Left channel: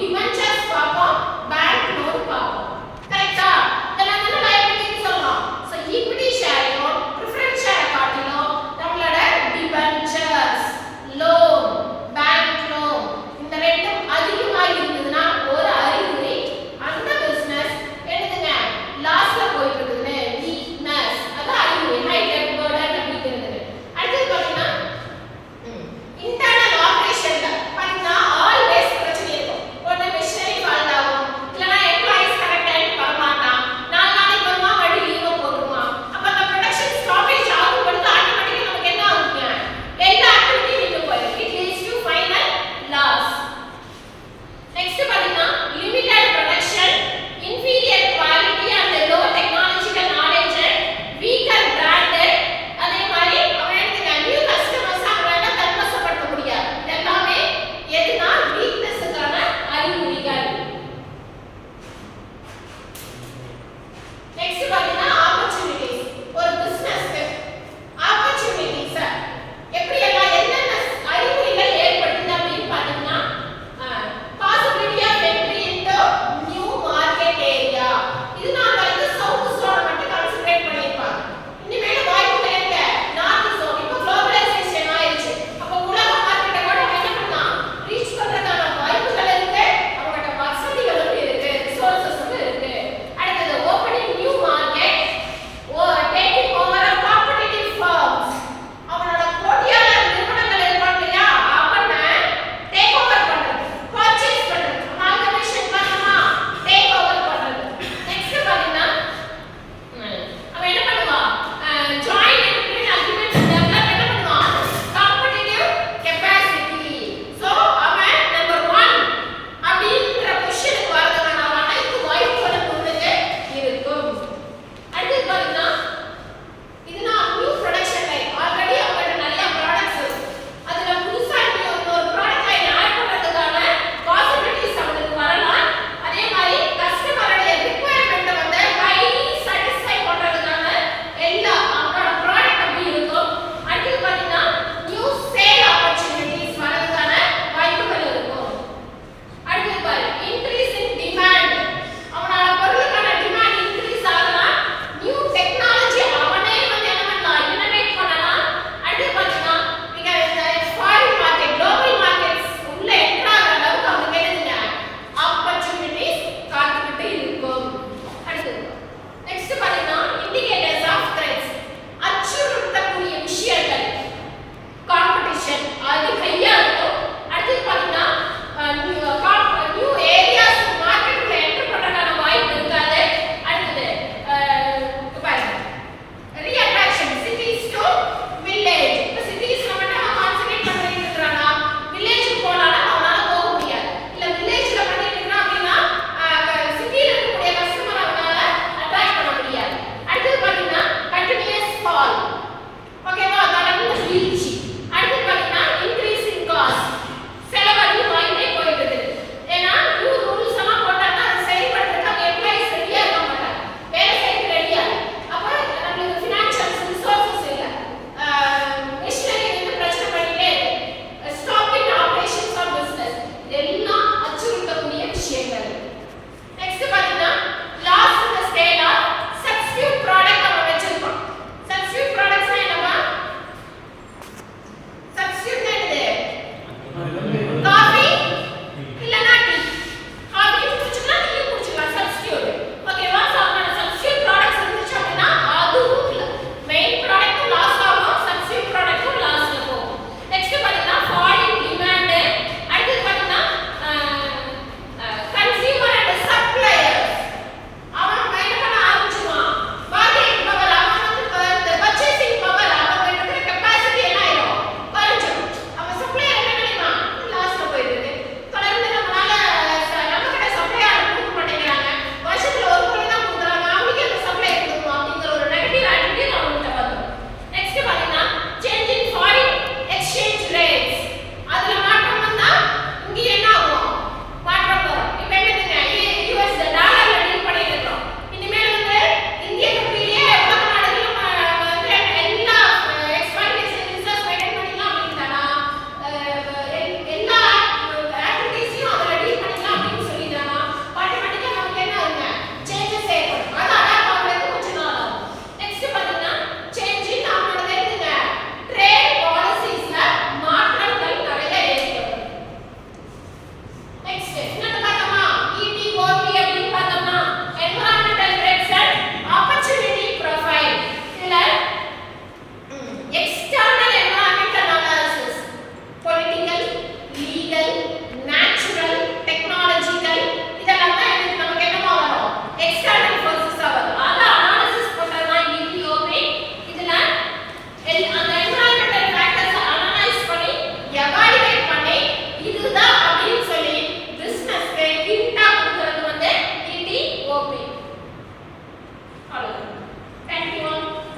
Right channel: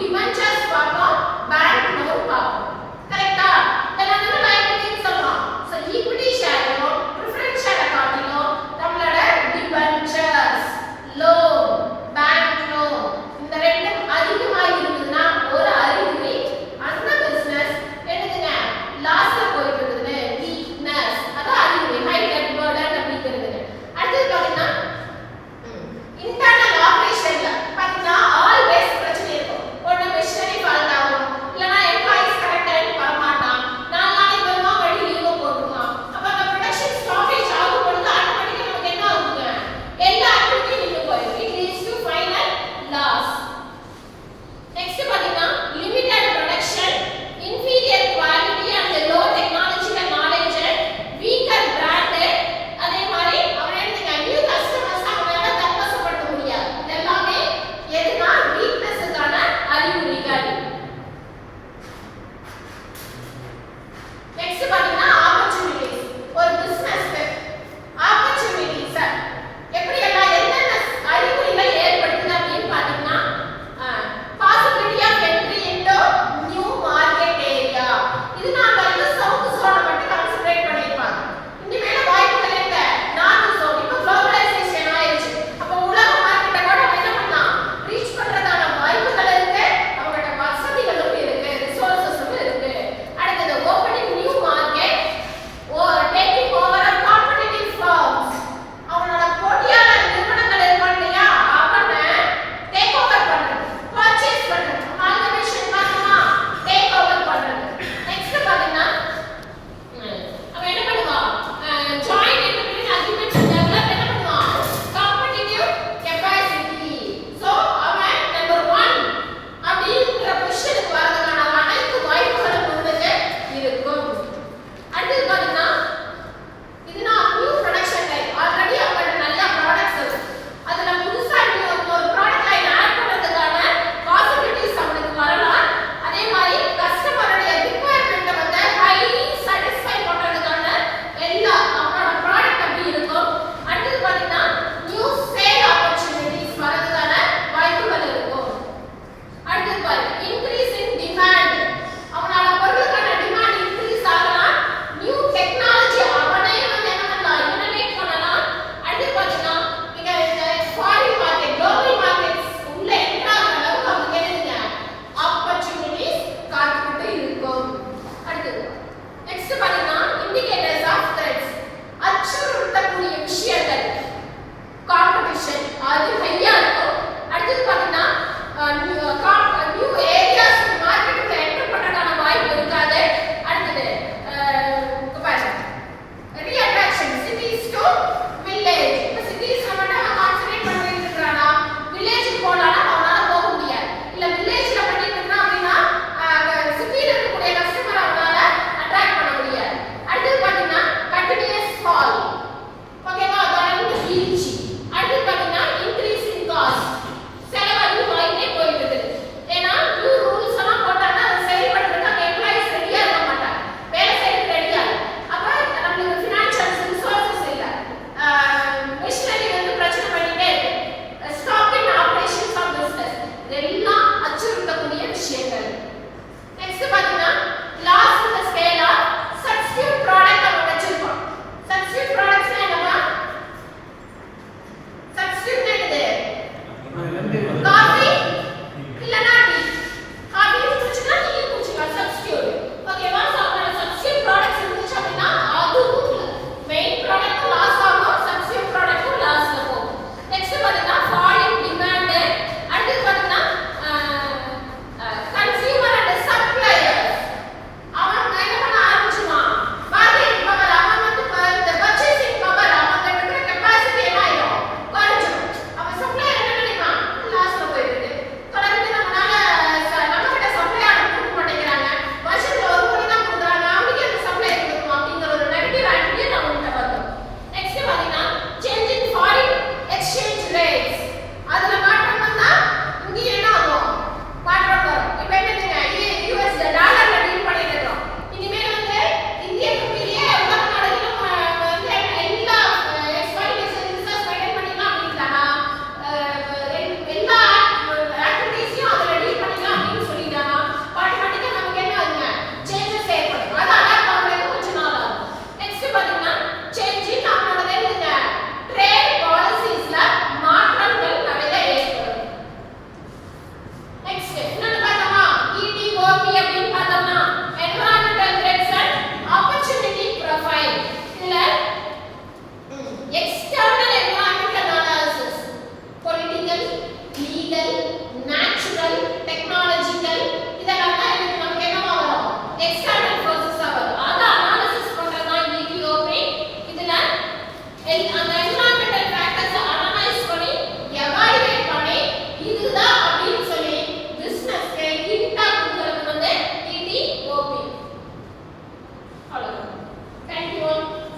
Debentures பார்ப்போம், bank loan பார்ப்போம். கரெக்ட்டா? இதெல்லாம் நம்ம லைபிலிட்டின்னு சொல்றோம். சோ ஈக்விட்டி ஷேரையும் பிரெஃபரன்ஸ் ஷேரை காட்டிலும் நம்மளோட டிபென்ச்சர்ஸ், லோன், பேங்க் லோன் இந்த ரெண்டும் அதிகமா இருந்ததுன்னா ஒரு அறிகுறி அந்த பிசினஸ் என்னதுங்க லாஸ்ல போயிட்டு இருக்குதுன்னு, வீக்னஸ். அதான் அறிகுறி ஹை டெட் பர்டன் அப்படிங்கிறது. அடுத்து பாத்தீங்கன்னா இன்டர்னல் ஆபரேஷன்ல பாத்தீங்கன்னா ஆல்வேஸ் பிரச்சனை இருக்கும். ஒண்ணு மிஷனரி ஃபால்ட் ஆகும், இல்லனா எம்ப்ளாயிஸ் கரெக்ட் டைம் வர மாட்டான், 4 நாளைக்கு வருமா வழி லீவ் போட்டுருவான். அப்ப அந்த ப்ரொடக்ஷன் ஸ்டாப்பேஜ் ஆகும் பொழுது ஆட்டோமேட்டிக்கா நமக்கு என்ன ஆகுங்க, எல்லா ஆக்டிவிட்டி நின்னு போயிடும். It leads to final loss. Next பாத்தீங்கன்னா limited production, inferior quality and low technological knowledge and weaker brand. அதே மாதிரி அவன் என்னங்க நியூ கஸ்டமர்ஸ் அவனால தன்வசப்படுத்த முடியாது. இதெல்லாமே எதுனா வீக்னஸ்க்கான அறிகுறிகள். நெக்ஸ்ட் பாத்தீங்கன்னா ஆப்பர்சூனிட்டிஸ். ஒரு பிசினஸ்க்கு ஆப்பர்சூனிட்டிஸ் எப்படி எல்லாம் என்னென்ன அறிகுறிகள் ஏற்படுத்துது அப்படின்னு பாத்தீங்கன்னா possibility of entry into new market area. இது நான் வந்து சவுத் சோன் மட்டும் கான்சென்ட்ரேட் பண்ணிருப்பாங்க. இனிமேல் வாய்ப்புகள் எங்க நார்த் சோன். இப்போ குளோபலைசேஷன் ஆயிடுச்சு. அப்போ உலக மார்க்கெட்டை கூட நம்ம என்ன பண்ணலாம், ரீச் பண்றதுக்கான வாய்ப்புகள் இருக்கு, அவங்களோட வசதிகளும் இருக்கு, ரிசோர்சஸும் இருக்கு. அடுத்தது opening new market, taking over of competitive firms. அவனோட போட்டியாளர் நிறுவனங்கள் இருப்பாங்க இல்லையா, அவனை டேக் ஓவர் பண்றது, பர்ச்சேஸ் பண்றது, அமால்கமேஷன் பண்ணா டேக் ஓவர் பண்றது. நெக்ஸ்ட் பாத்தீங்கன்னா அவன் என்ன பண்ணுவான், ஜாயிண்ட் என்டர்பிரைஸ் அக்ரிமெண்ட்ஸ் டெவலப் என்ன பண்ணுவான், காம்படிட்டிவ் கெபாசிட்டி. சோ அவன் நம்பர் 1 அப்படிங்கற பொசிஷனுக்கு வரதுக்கான அனைத்து வாய்ப்புகளும் உங்களுக்கு இருக்கும். அடுத்து பாத்தீங்கன்னா இதுனா நியூ ப்ரொடக்ஷன் லைன். ஆல்ரெடி அவங்கள்ட்ட நிறைய ப்ராடக்ட்ஸ் இருக்கு, அதுல புதுசா ஒரு ப்ராடக்ட் லைன் ஆட் பண்றதுக்கான பாசிபிலிட்டிஸ் அவங்களுக்கு வரலாம். அதே மாதிரி கஸ்டமரோட ரிக்வயர்மென்ட் வந்து ஹைலி சாட்டிஸ்ஃபை பண்றதுக்கான எல்லா அவங்களோட ப்ராடக்ட் அப்படி இருக்கும். அடுத்து பாத்தீங்கன்னா நியூ சேல் ஆப்பர்சூனிட்டிஸ் வரதுக்கான வாய்ப்புகள் இருக்கும். அடுத்து பாருங்க